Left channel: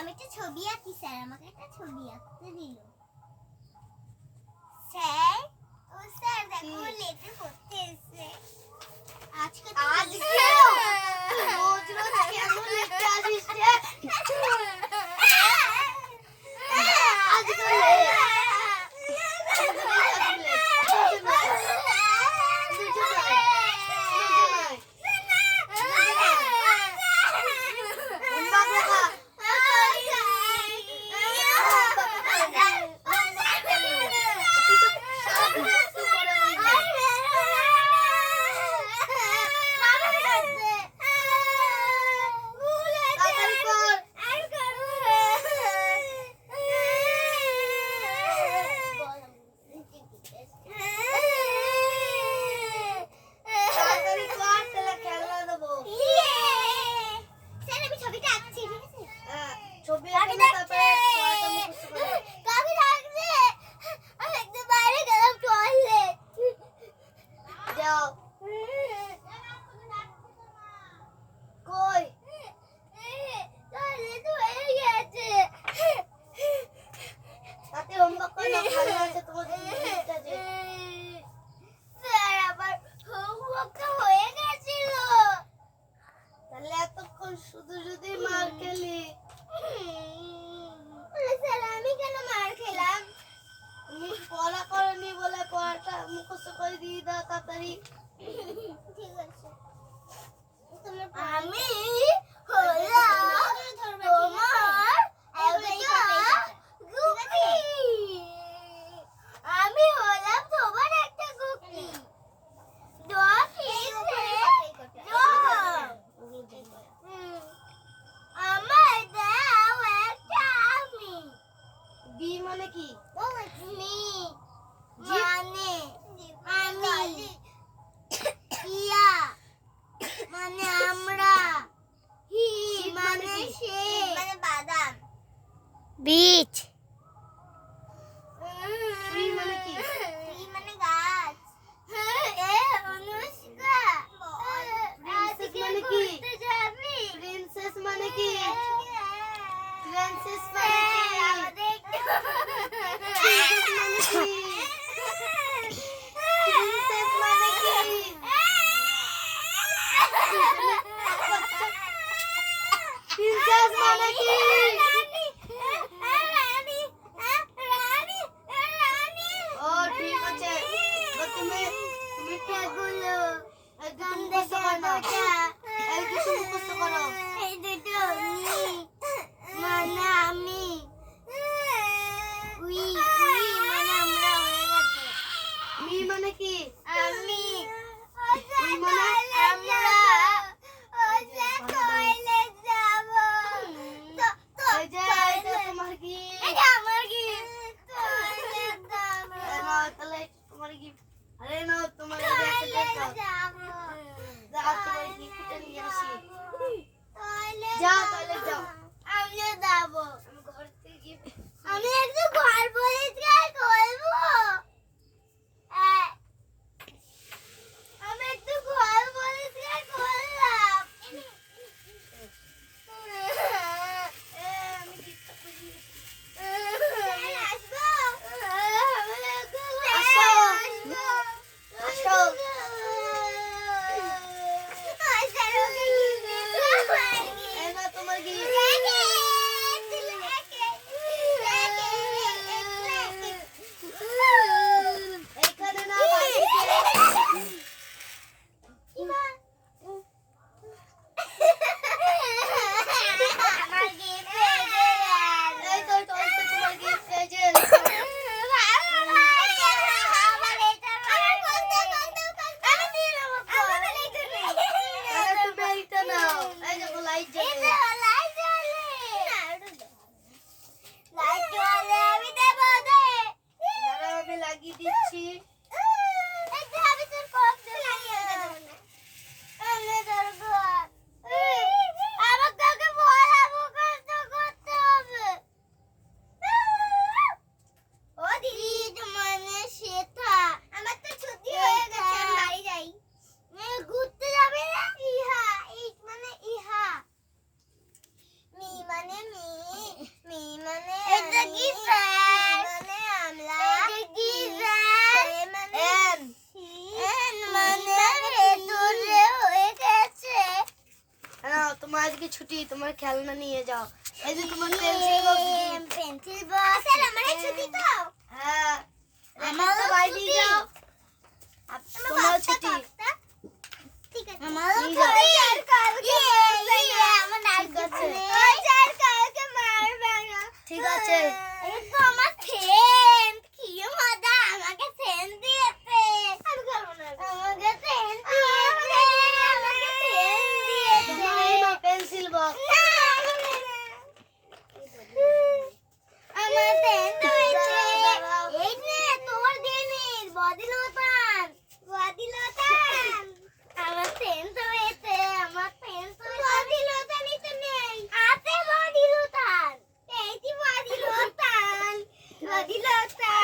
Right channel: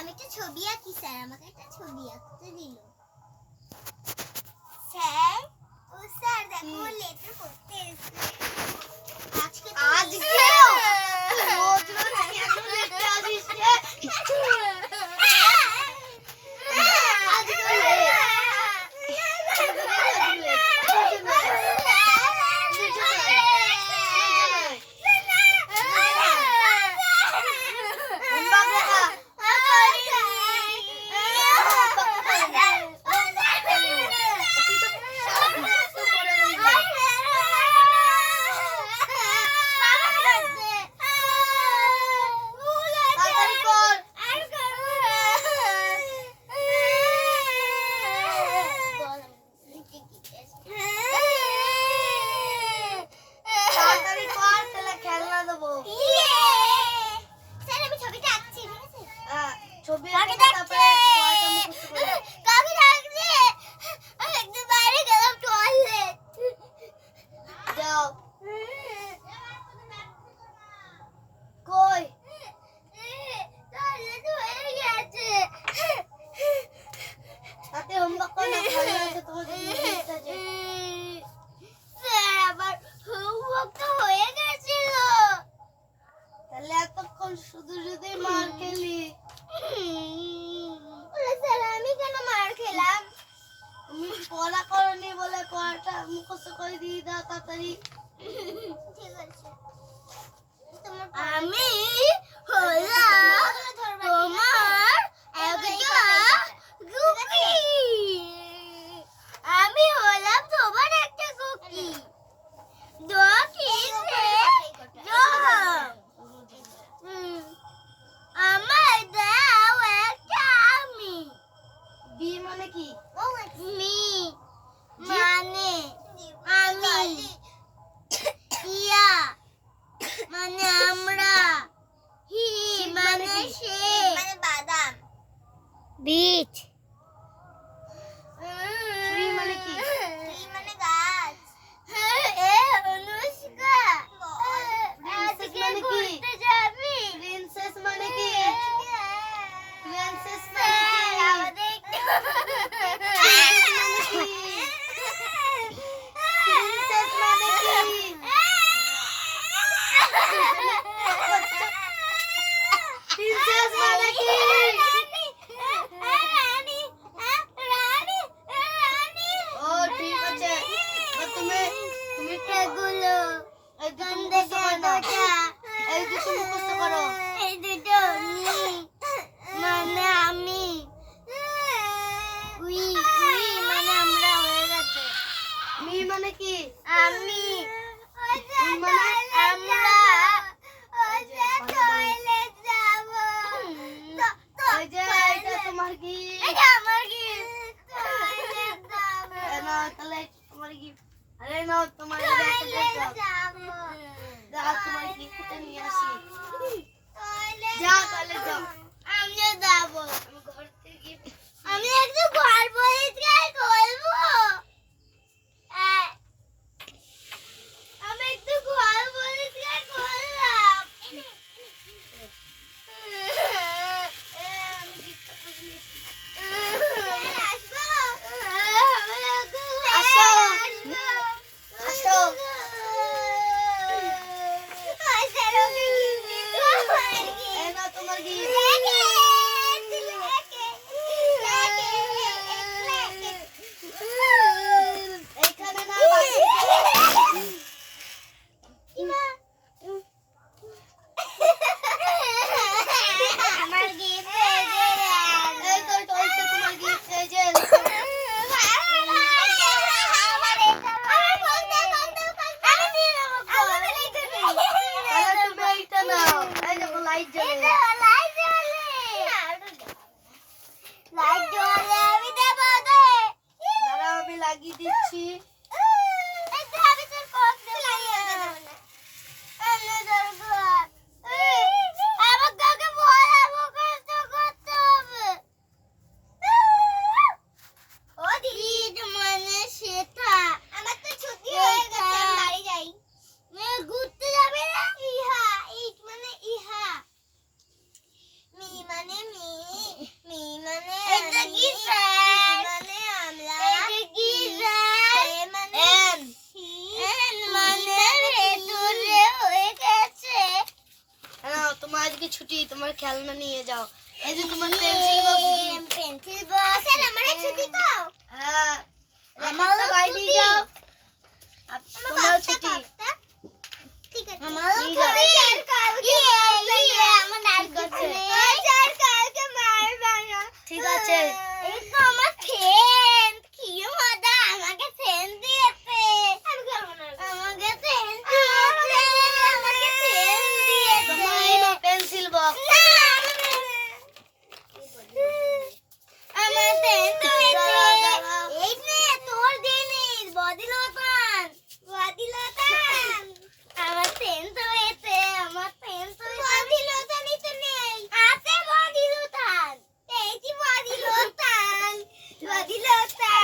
আমি একটা ছবি আঁকি, স্যার আমাকে একটা ছবি আঁকতে দিল। স্যার, ও স্যার দেখো লেটার পড়তে এসেছে। আজকে রোজ রোজ কেন লিখতে আসিস রে? শুধু শুধুই মার খেলি। স্যার আমি কেন মার খেলাম? তুমি পড়া করনি বলে পড়াটা মুখস্থ করে দিয়ে দাও তাড়াতাড়ি। ঠিক আছে। আমি হলাম তোমার একটা কুকি। আমি হলাম তোমার একটা কুকি। আমার দাও একটা আমি। বি মানে কি? মি মানে আমি। ইয়া মানে আমরা। হি মানে সে মানে বাদাম। বীজ। ট্রি মানে কি? ট্রি মানে গাছ। এ অনুষ্কা। প্রিন্সেস মানে কি? প্রিন্সেস মানে কি? প্রিন্সেস মানে কি? আমাদের প্রিন্সেস মানে কি? প্রিন্সেস মানে কি? ও ঠিক আছে। তুমি এগুলো এই দুটো মুখস্থ করো। এই দুটো নি মানে আমি। উই উই মানে আমরা হয়ে গেছে। মি মানে কি? আমি। উই মানে আমরা। টয়লেট যাব। এই যে এটা তোমার কি? এটা আমার কি? টয়লেট যাব। না তাহলে তোমার কি? আরে না তোমার এটা যাব। যা তোমার কি নিয়ে আসি। টয়লেট যাও টয়লেট ছুটি, তোমার খেলনা নিয়ে যাও। এই যে তোমার পেন্সিল বক্স, পেন্সিল বক্স এর আমার ছুটি তো। হ্যাঁ আমারও বাইরে ছুটি। যাও, তোমার ছুটি। ঠিক আছে আমারও ঠিক আছে। ছুটি। আমার আর ঠিক আছে। কালকে মারবে না। ঠিক আছে। এই তো আমার ফ্রেন্ড, কি মজা, আমাকে ফ্রেন্ড দিয়েছে। আমি খেলবো না। আমাকে ফ্রেন্ড দিয়েছে, আমাকে ফ্রেন্ড দিয়েছে। তোমার এই নাও পেন্সিল বক্স। না, আমার ফ্রেন্ড হয়েছে। এই নে তোর জিনিস, বডি লোশন, বডি লোশন। আমার ফ্রেন্ড হয়েছে, আমার ফ্রেন্ড হয়েছে। বডি লোশনই তো নেই। আছে বডি লোশন। এই যে বডি লোশন, বডি লোশন।